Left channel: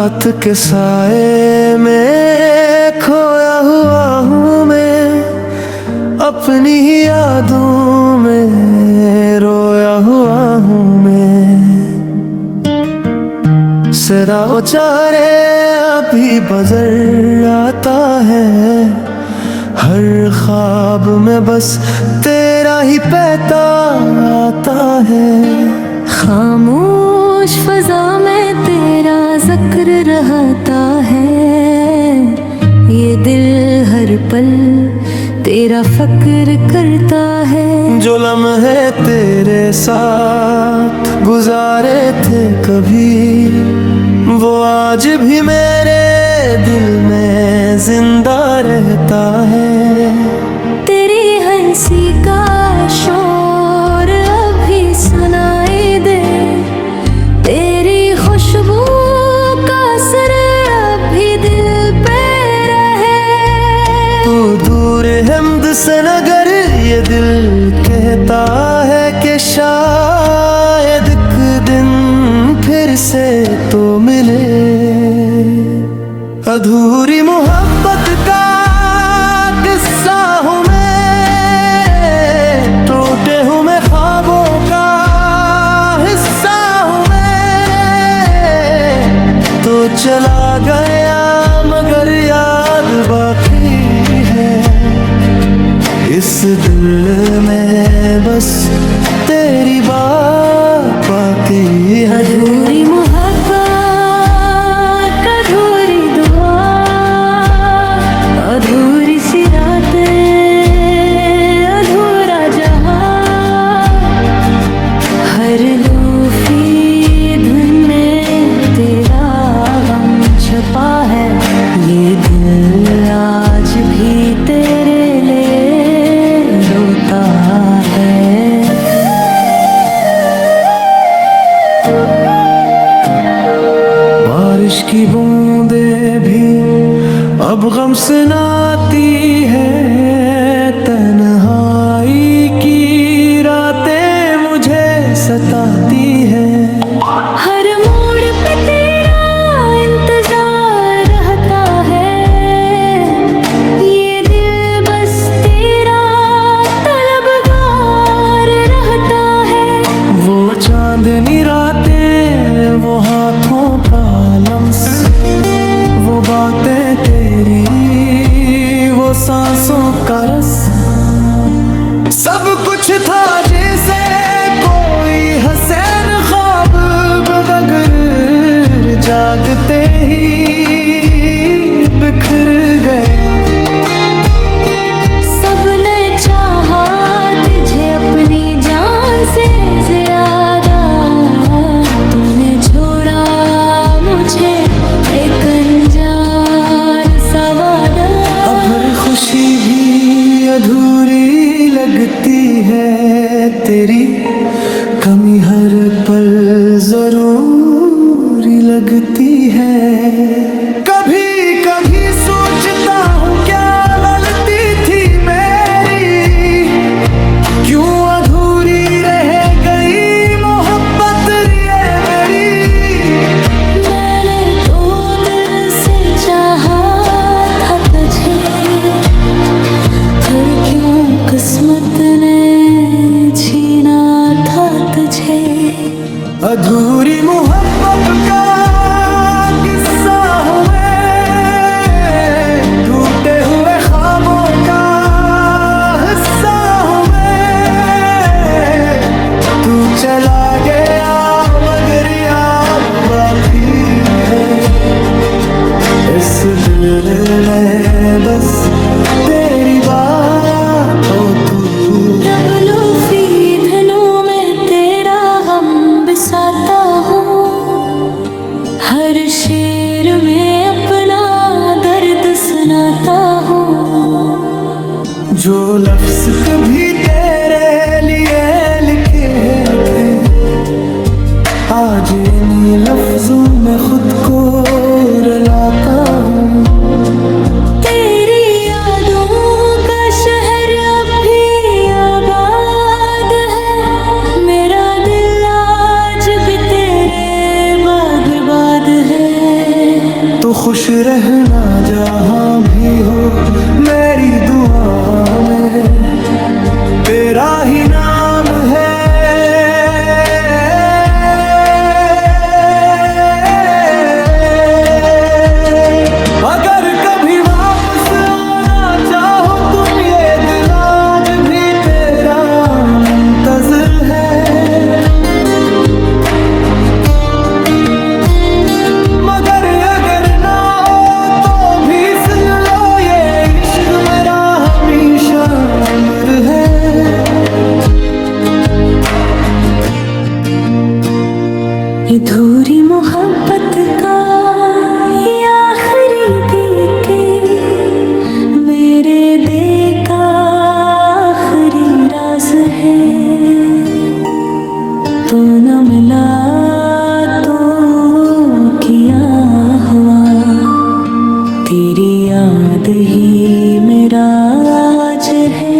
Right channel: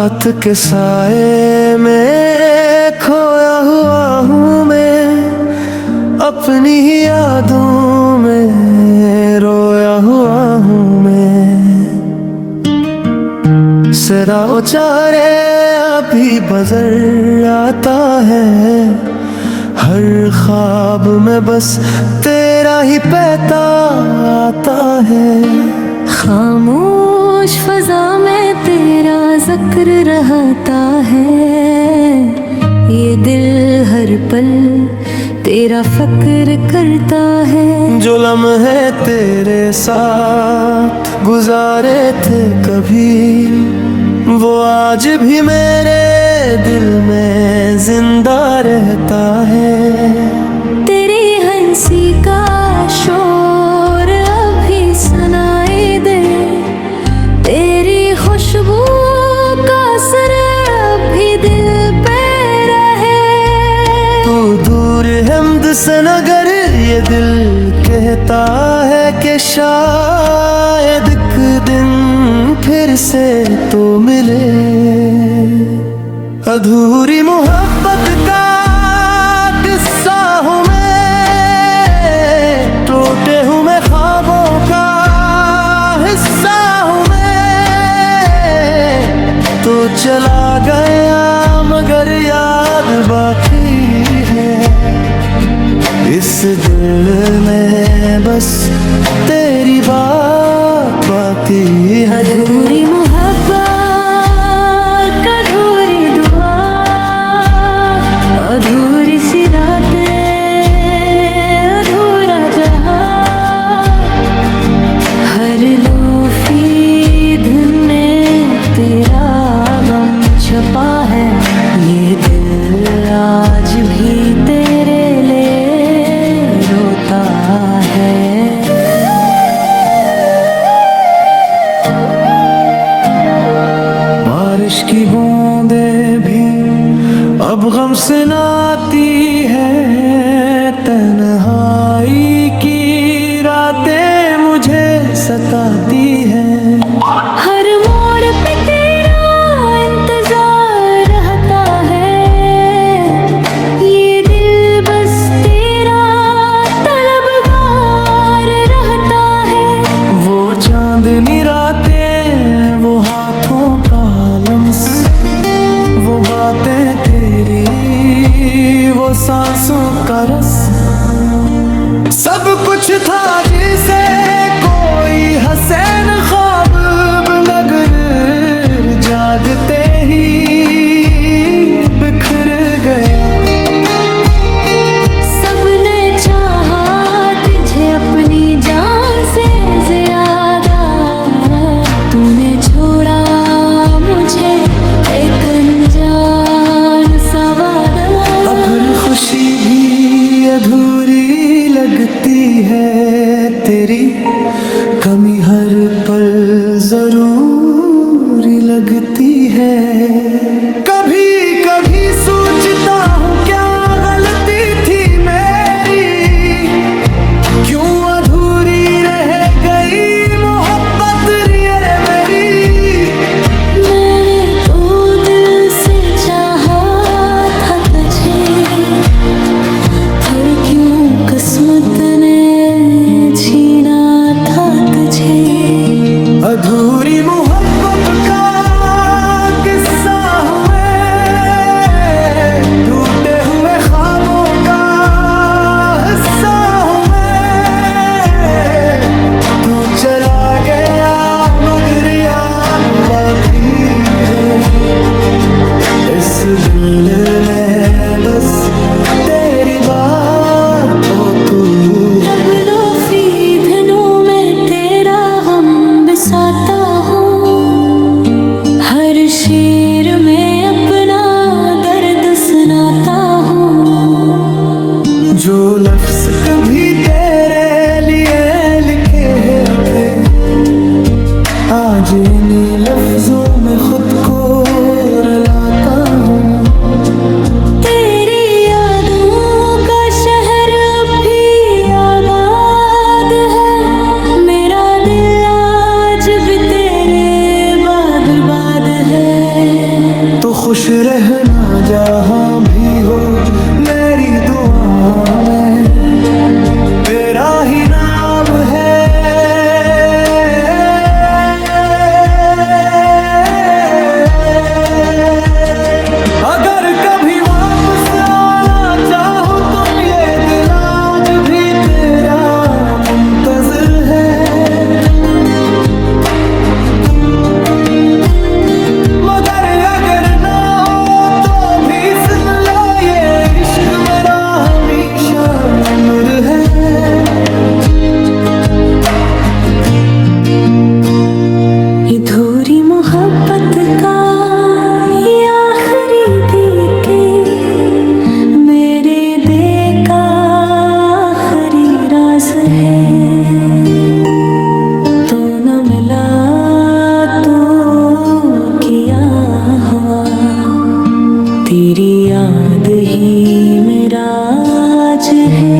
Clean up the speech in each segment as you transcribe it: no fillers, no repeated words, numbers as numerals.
रात के साए में खोया हुआ हूँ मैं, अपनी ही यादों में रोया हुआ हूँ मैं। सरा उचारे अभी बजर आता है, हर ख्वाब में बस तेरा ही पैता आता है। खामोश फजा में तेरा जिक्र रहता है, ये दिल हर पल तेरा फक्र करता है। जो लम्हे तेरे साथ गुजारे थे कभी, वो आज भी मेरे दिल में जिंदा रहता है। तेरी हंसी का शोर अभी सुनाई दे, तेरी खुशबू का असर अभी दिल पे रहे। तू दूर हमद से नगर ये दिल कहता है कि शायद एक दिन फिर से तो मिले। अधूरी मोहब्बत का किस्सा हूँ मैं, टूटे हुए ख्वाबों का हिस्सा हूँ मैं। तो चला गया मगर याद बाकी है, इस दिल में बस तेरी बात बाकी है। अधूरी मोहब्बत, अधूरी दुआ, अधूरी सी रातें, अधूरा जहां। हर लोफी धुन में तेरा गम छुपा है, ये दिल आज भी तेरे लिए रोता है। बारिश की बूंदें भी अब गम से नाती है, तन्हाई की रातें मुझे सताती है। हर मोड़ पे तेरा इंतजार रहता है, ये दिल बस तेरा तलबगार रहता है। वो चांदनी रातें, वो हाथों का लम्स, वो बातें तेरी, वो सांसों का रस। सब कुछ था जैसे कोई हसीन ख्वाब, मगर जागते ही बिखर गया। सबने चाहा तुझे अपनी जान से ज्यादा, तूने छोड़ा मुझे एक अनजान सा वादा। अब हर खुशी भी अधूरी लगती है, तेरी कमी हर पल जरूरी लगती है। कभी कभी सोचता हूँ क्या गलती थी मेरी, क्यों अधूरी रह गई मोहब्बत ये मेरी। मैंने तो दिल से चाहा था तुझे, पर क्यों किस्मत ने छीना था तुझे। अधूरी मोहब्बत का किस्सा हूँ मैं, टूटे हुए ख्वाबों का हिस्सा हूँ मैं। तू चला गया मगर याद बाकी है, इस दिल में बस तेरी बात तो तू। रब लोफी धनों में तेरा गम बिसाता हूँ, हर शेर में अपना दर्द सुनाता हूँ। जो लफ्ज कभी तेरे लिए लिखे थे, आज इन्हीं लफ्जों में खुद को रुलाता हूँ। तेरी यादों का शहर अब भी आबाद है, मेरा दिल आज भी तेरे बाद बर्बाद है। तो खुश रहना जहाँ भी हो, मेरी दुआ में तेरा ही नाम है। अगर कभी वापस आना चाहो तुम, ये दिल आज भी तेरा मुंतज़िर है। मगर अगर ना हो तो भी सुन लो, ये इश्क मेरा हमेशा अमर है। अधूरी मोहब्बत का ये आखिरी देके, मेरे दिल का आखिरी राज है। तू न मिला तो किया हुआ, तेरी याद ही मेरा आज है।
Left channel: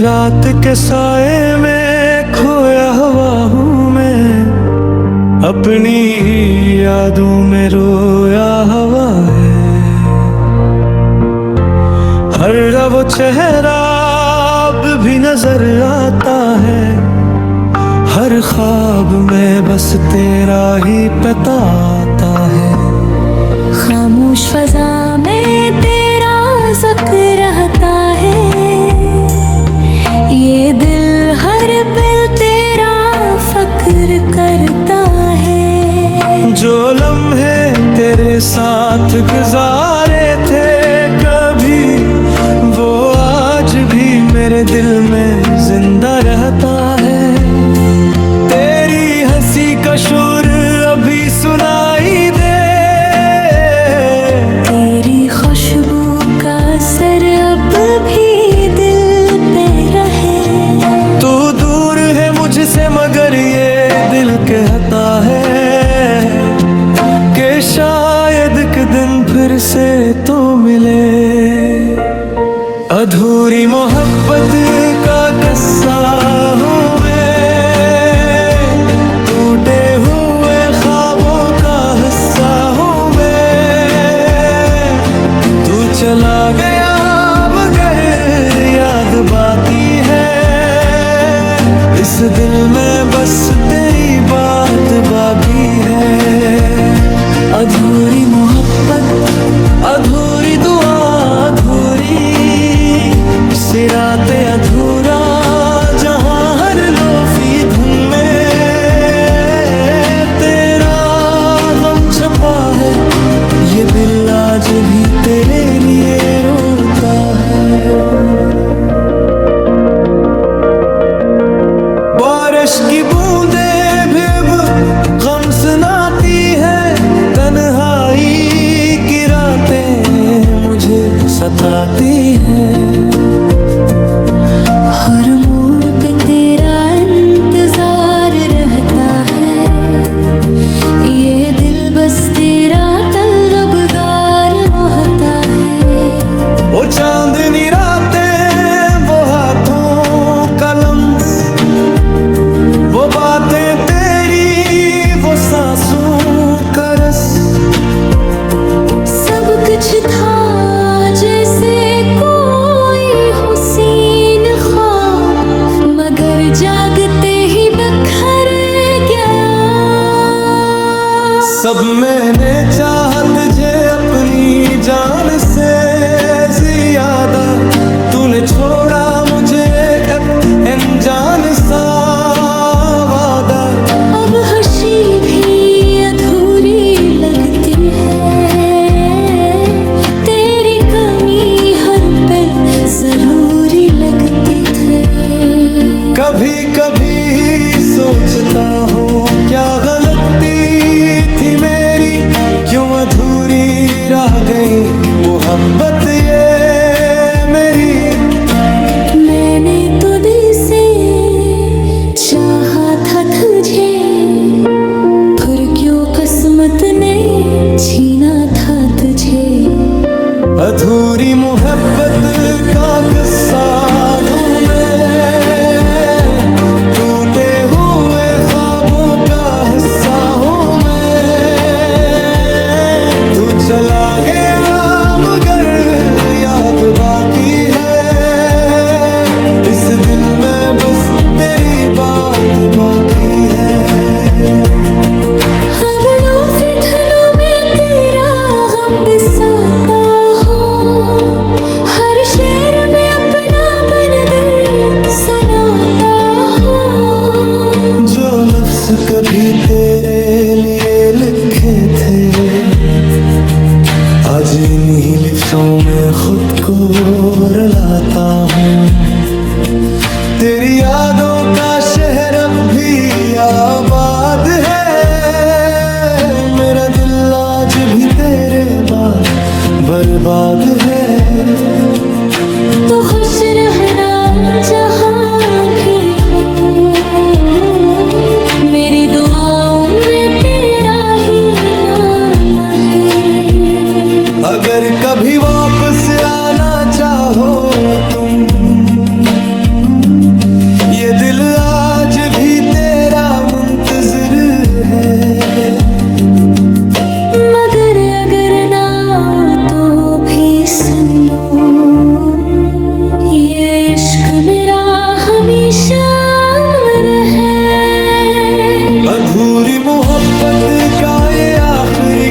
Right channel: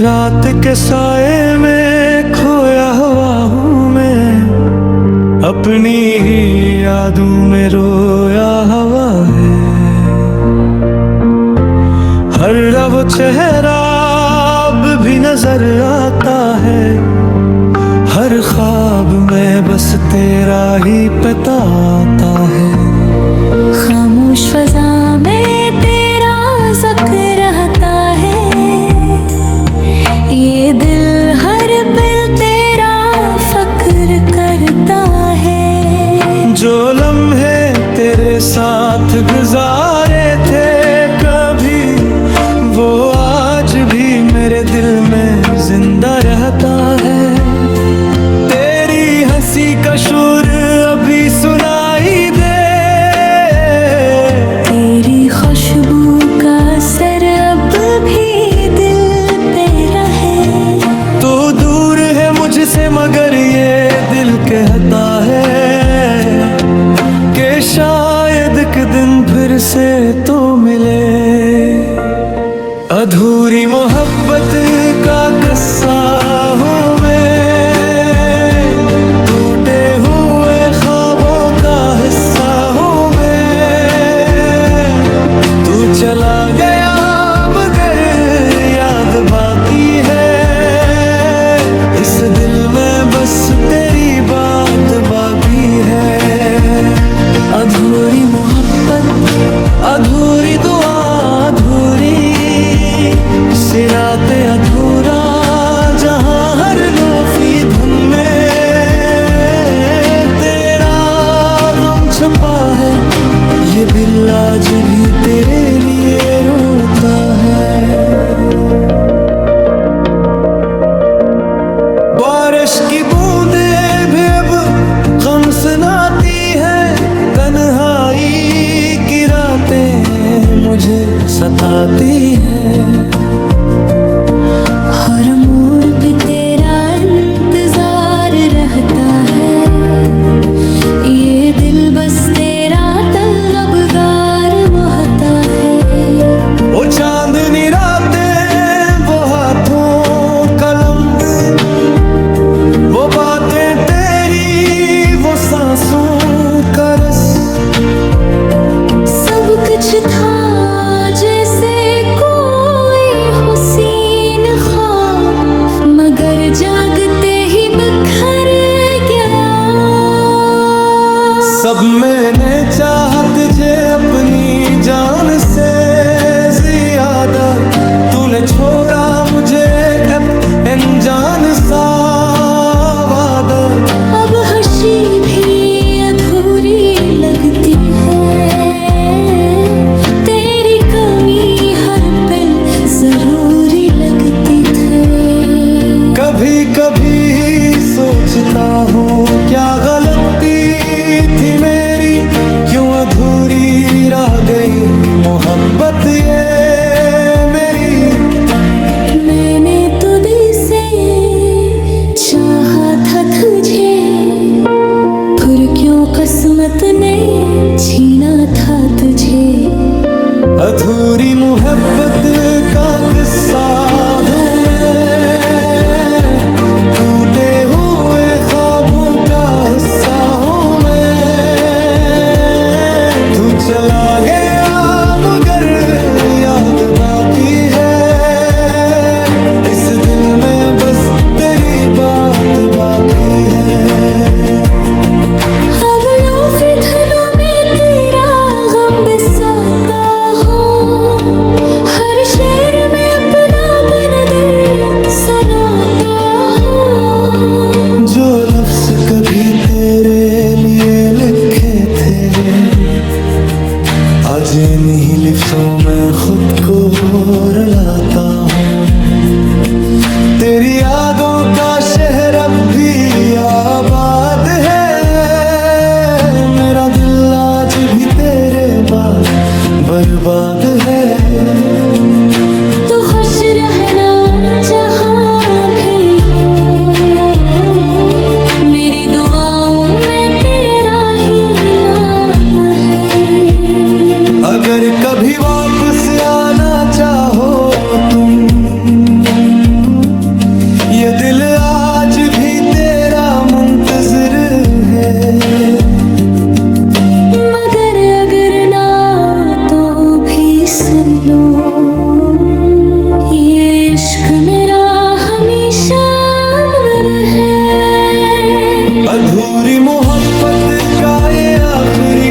रात के साए में खोया हुआ हूँ मैं, अपनी ही यादों में रोया हुआ है। हर वो चेहरा अब भी नजर आता है, हर ख्वाब में बस तेरा ही पता आता है। खामोश फजा में तेरा ज़िक्र रहता है, ये दिल हर पल तेरा फक्र करता है। जो लम्हे तेरे साथ गुजारे थे कभी, वो आज भी मेरे दिल में जिंदा रहता है। तेरी हंसी का शोर अभी सुनाई दे, तेरी खुशबू का असर अब भी दिल पे रहे। तू दूर है मुझसे मगर ये दिल कहता है कि शायद एक दिन फिर से तो मिले। अधूरी मोहब्बत का किस्सा हूँ मैं, टूटे हुए ख्वाबों का हिस्सा हूँ मैं। तू चला गया मगर याद बाकी है, इस दिल में बस तेरी बात बाकी है। अधूरी मोहब्बत, अधूरी दुआ, अधूरी सिराते अधूरा, जहाँ हर लोफी धुन में तेरा गम छुपा है। ये दिल आज भी तेरे लिए रोता है। बारिश की बूंदें भी अब गम सुनाती है, तन्हाई की रातें मुझे सताती हैं। हर मोड़ पे तेरा इंतजार रहता है, ये दिल बस तेरा तलबगार होता है। वो चांदनी रातें, वो हाथों का लम्स, वो बातें तेरी, वो सांसों का रस, सब कुछ था जैसे कोई हुसीन ख्वाब, मगर जागते ही बिखर गया। सब मैंने चाहा तुझे अपनी जान से ज्यादा, तूने छोड़ा मुझे अनजान सा वादा। अब हंसी भी अधूरी लगती है, तेरी कमी हर पल जरूरी लगती थी। कभी कभी सोचता हूँ क्या गलती थी मेरी, क्यों अधूरी रह गई मोहब्बत ये मेरी। मैंने तो दिल से चाहा था तुझे, फिर क्यों किस्मत ने छीना था तुझे। अधूरी मोहब्बत का किस्सा दूं मैं, टूटे हुए ख्वाबों का हिस्सा हूँ मैं। तू चला गया मगर याद बाकी है, इस दिल में बस तेरी बात बाकी है। ख्वाबों के धनों में तेरा गम बसाता हूँ, हर शेर में अपना दर्द सुनाता हूँ। जो लफ्ज कभी तेरे लिए लिखे थे, आज इन्हीं लिफ्ज़ों में खुद को रुलाता हूँ। तेरी यादों का शहर अब भी आबाद है, मेरा दिल आज भी तेरे बाद बर्बाद है। तो खुश रहना जहाँ भी हो, मेरी दुआओं में तेरा ही नाम है। अगर कभी वापस आना चाहो तुम, ये दिल आज भी तेरा मुंतज़िर है। मगर अगर ना हो तो भी सुन लो, ये इश्क मेरा हमेशा अमर है। अधूरी मोहब्बत का ये आखिरी